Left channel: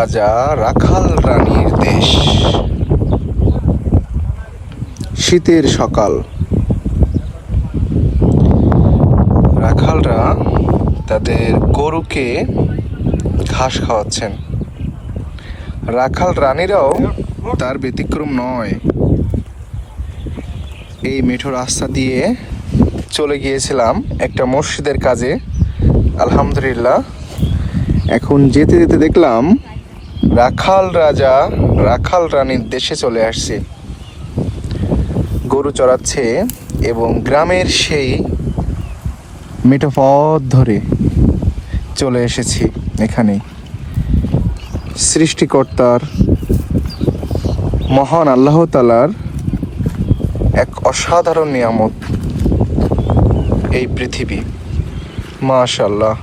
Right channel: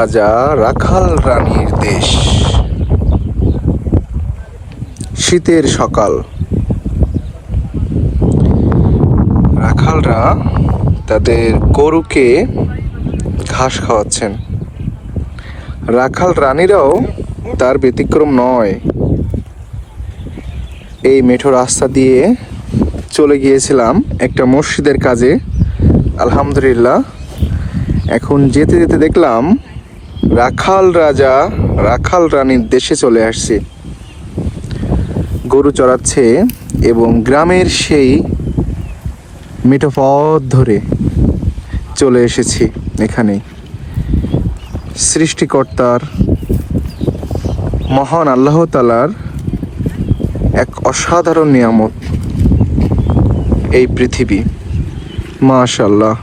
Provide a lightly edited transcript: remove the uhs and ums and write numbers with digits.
রাজা রাখাল রানীর দেশ। শীতের সকাল, রাখালরা তাদের গরুকে ঘাস খাওয়াচ্ছেন। রাখাল রানীরাও তার ব্যতিক্রম নয়। এই মেঠো রাস্তা দিয়ে চলে গিয়েছিলাম একটা মসজিদের কাজে, আলহামদুলিল্লাহ। এখন যেতে যেতে দেখলাম রাখাল রাজা রাখাল রানীর দেশে চলে আসছে। গরু চড়াচ্ছে এবং গ্রামের সেই মেঠো পথ ধরে চলে এসেছি এখানে। সৃষ্টিকর্তার মহান আল্লাহ তাআলার এক অসাধারণ নিয়ামত এই পৃথিবী, মাশাআল্লাহ।